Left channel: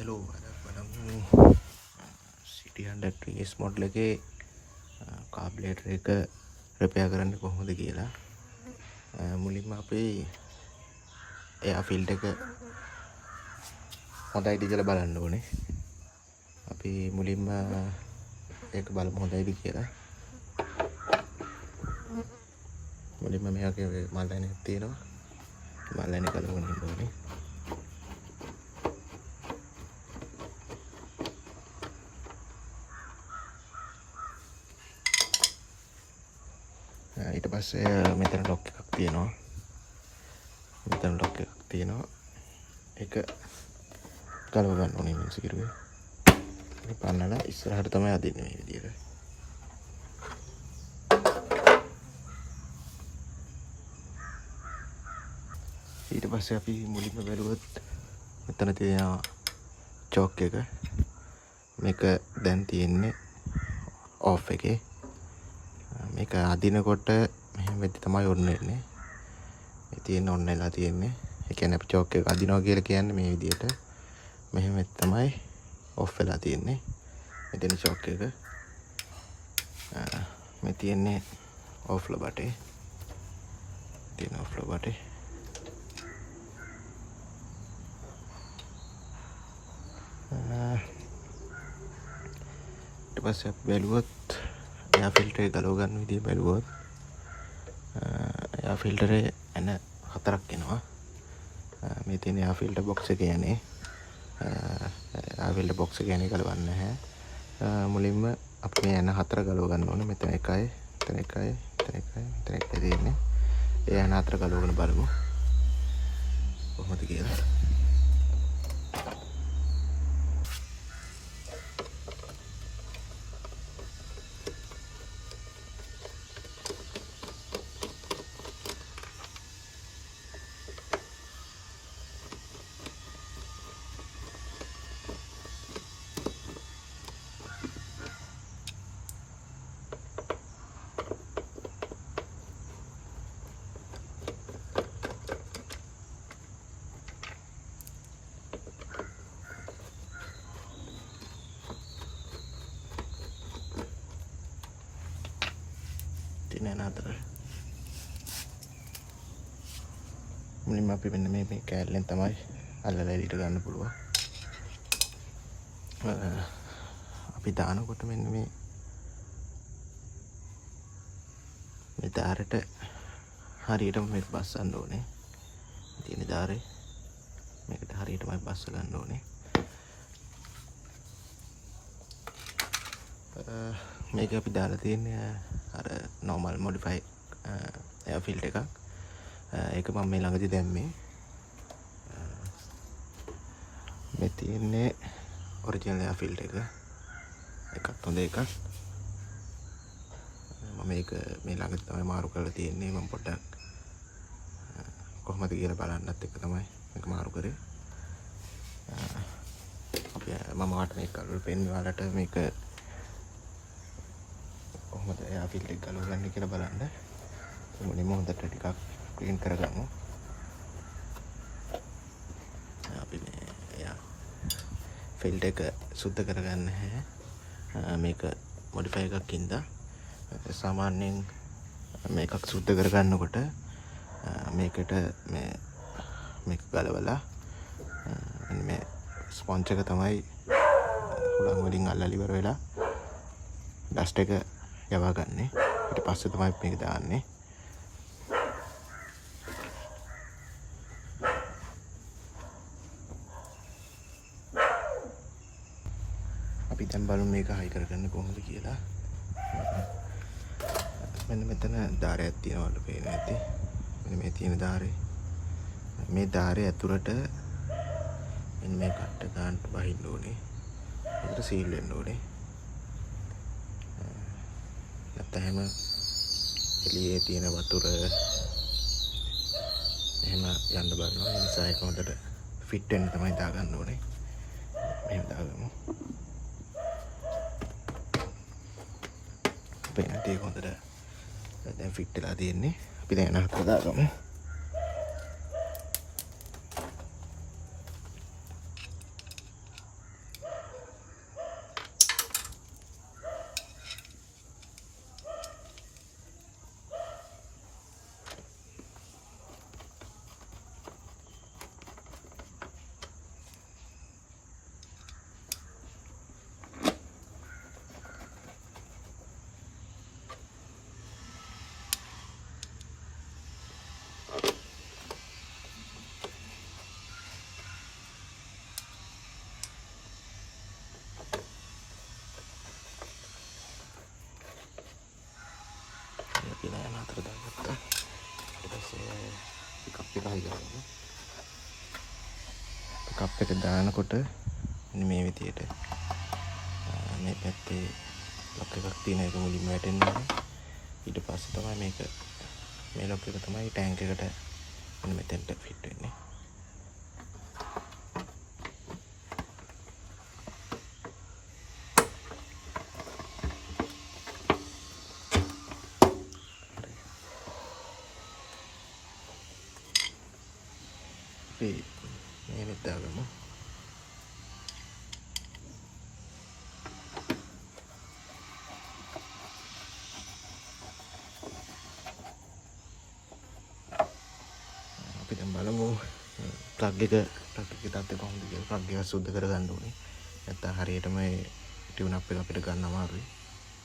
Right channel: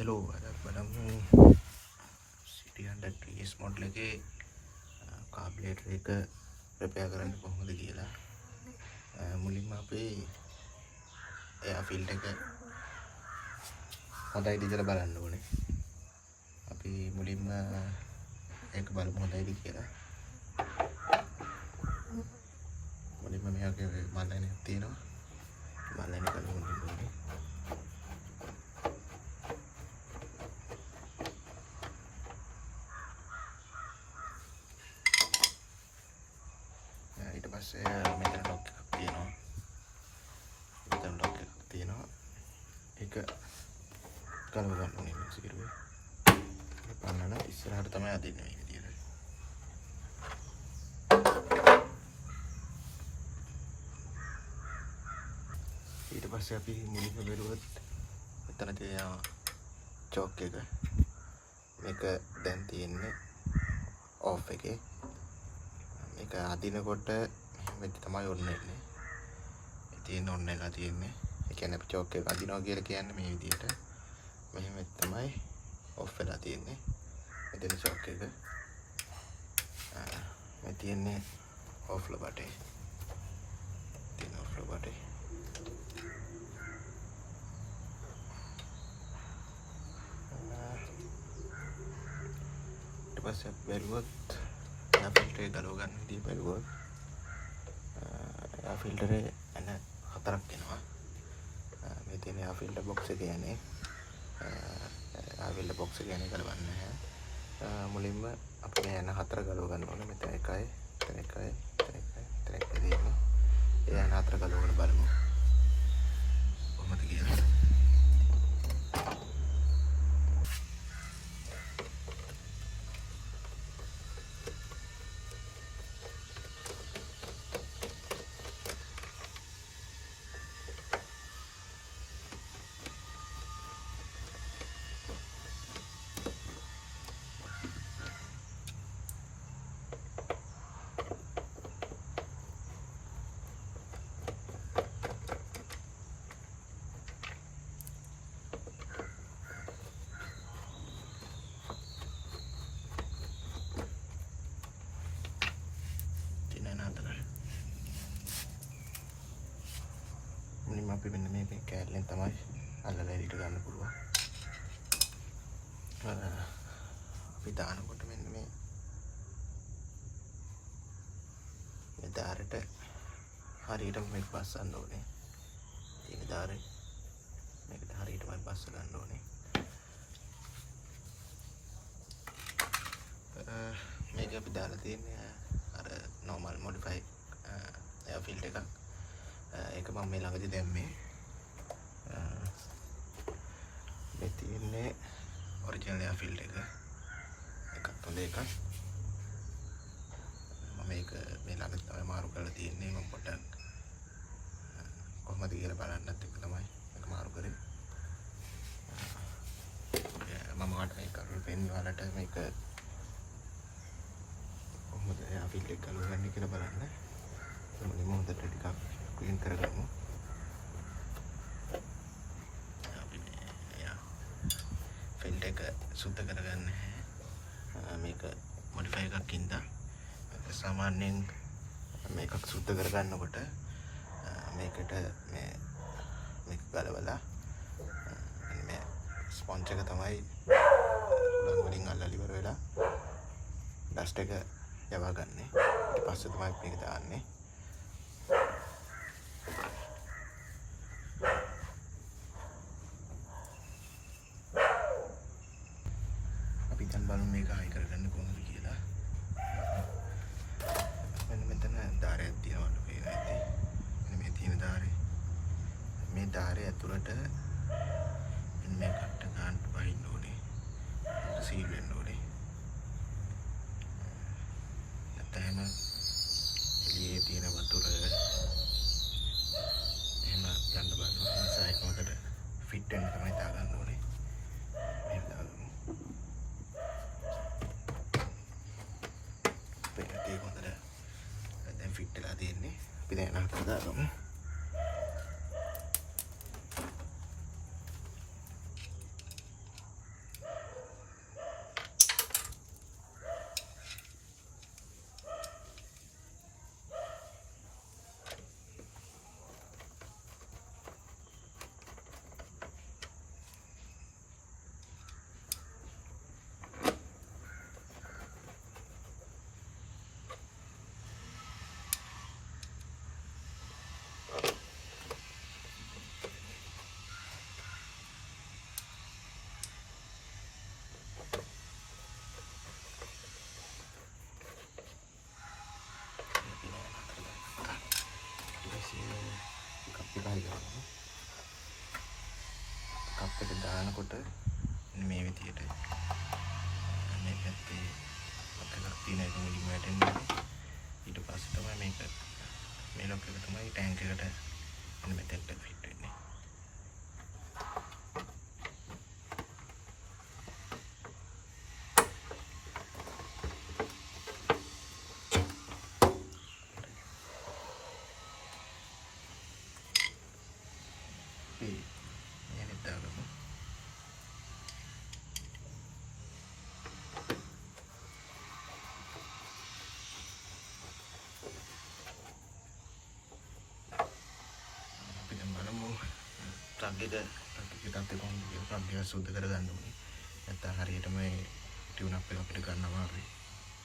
Hello අද බලමු සිටි 100 ස් මොඩල් එකේ කාබ්ලේටර් එක රිපෙයාර් කරන්න කොහොමද කියලා. මුලින්ම අපි එයා ෆිල්ටර් එක හොඳයිද කියලා බලන්න ඕනේ. අපි මුලින්ම ඒක බලමු හොඳයිද කියලා. මුලින්ම මෙයාගේ මල්ලණයක් තියෙනවා. මල්ලණේ බලන්න ඕනේ. ඊට පස්සේ මෙතන ලොක් එකක් තියෙනවා. ඒක ගලව ගන්න ඕනේ මේ සිරුවේ. ඒක පන්නලා ඉස්සරහට තමයි අදින්නේ මේ විදියට. ඊට පස්සේ අපි මුලින්ම බැලුවොත් මෙතන තියෙන චෝක් එක. මේක දැන් තියෙන්නේ ඔෆ් එකේ. මේක අදිනකොට මෙහෙම වෙද්දි තමයි ඔන්න වෙන්නේ. මේ තියෙන ඔන්න වෙලා තියෙන්නේ. ඒ කියන්නේ අපි චෝක් එක අදිනවා කියලා කියන්නේ මේ විදියට. මෙහෙම තමයි ඔෆ් වෙලා තියෙන්නේ. මෙතන චෝක් එක. මේ තියෙන්නේ ඔෆ් ලබටේ. තියෙන ඔෆ් ලබටේ. ඊට පස්සේ අපි බැලුවොත් එයා ෆිල්ටර් එක ගලව ගන්න විදිය බැලුවොත් එයා ෆිල්ටරේ එන හතරක් එනවා. මේ තියෙන එයා ෆිල්ටර් බොක්ස් එක යන්නේ. එයා ෆිල්ටර් බොක්ස් එක යන්නේ ගලවන්නේ නැහැ. මුලින්ම අපි මේ එන හතර ගලව ගන්න ඕනේ. මෙතන එකයි, මෙතන එකයි, මෙතන එකයි, මෙතන එකයි තියෙන්නේ. ඒ එන හතර ගලවගෙන බලමු. කොහොමද කියලා. මුලින්ම අපි මෙන්න මේ කෑල්ලෙන් තමයි අල්ලලා එළියට ගන්න පුළුවන්. අපි දානකොට මෙන්න මේ දාරට හරියටම මේක බස්සන්න ඕනේ. තියෙන දාරේ මේකට හරියටමයි බස්ස ගන්න ඕනේ. මේක අපි දාලා තියෙන්නේ අර normal modify air filter එකක්. ඒක මම මේ ළඟදී දැම්මේ. මේ තියෙන්නේ ඔරිජිනල් එයා ෆිල්ටර් එක. එකක් හොඳ එකක්. මම මේක මේ ළඟදී තමයි මාරු කරලා තියෙන්නේ. මම පොඩ්ඩක් කොහොමද කියලා බලන්නත් එක තමයි මේක මාරු කරේ. මම ආට මේක පෙන්වන්නට මේක කොහොමද එයා ෆිල්ටර් එක ගලවන්නේ කියලා බලන්න. මුලින්ම හොඳට ටිකක් क्लीन කරගමු. අපි යා ෆිල්ටර් එක සුද්ධ කරගන්න නැහැ. මේක මොඩිෆයි එකක් ඉඳලා සාමාන්‍යයෙන් මේකක් සුද්ධ කරගන්නකොට මේකට මේක ගලවලා මේ ස්පොන්ජ් එක තමයි උලන් වලින් අල්ලලා ඉවර වෙලා ඩස්ට් එක යවා ගන්නෙ. ඊට පස්සේ තමයි මේක දාන්නේ. දැන් බලමු මේක හයි කරගන්න කොහොමද කියලා. මෙන්න මෙතන දාරයක් තියෙනවා පේන ඇති. මෙන්න මේ තියෙන දාරේ. මේ දාරේ ඇතුළට මෙන්න මේ කට්ට ගන්නට බහින්න ඕනේ. ඒකට සීල් වෙන්න ඕනේ. නැත්නම් එළියේ තියෙන වතුර එහෙම යන්න බලනවා. ඒ නිසා ඒක හොඳට ෆිට වෙන්න තමයි දාගන්න ඕනේ. මෙහෙම දාගමු. පේනටි හොඳට දැන් ෆිට වෙලා තියෙන්නේ. අපි දැන් අහකට දාගමු. කප් එක දානකොට මේ විදියට මේ පැත්තේ ලොක් එකක් තියෙන එක මුලින්ම වැටෙනවා. ඊට පස්සේ තමයි මේක මේ ලොක් එක තමයි ටැංක් එකට මෙතෙන්ට ෆිට වෙන්නේ. මේ දාගමු. අපි දැන් බලමු ප්ලග් එක තත්ත්වය කොහොමද කියලා. ප්ලග් එක සුද්ධ කරගන්න ඕනේ. නැත්නම් හරියටම ඒ ටියුන් අප් එක අපිට ගන්න අමාරුයි.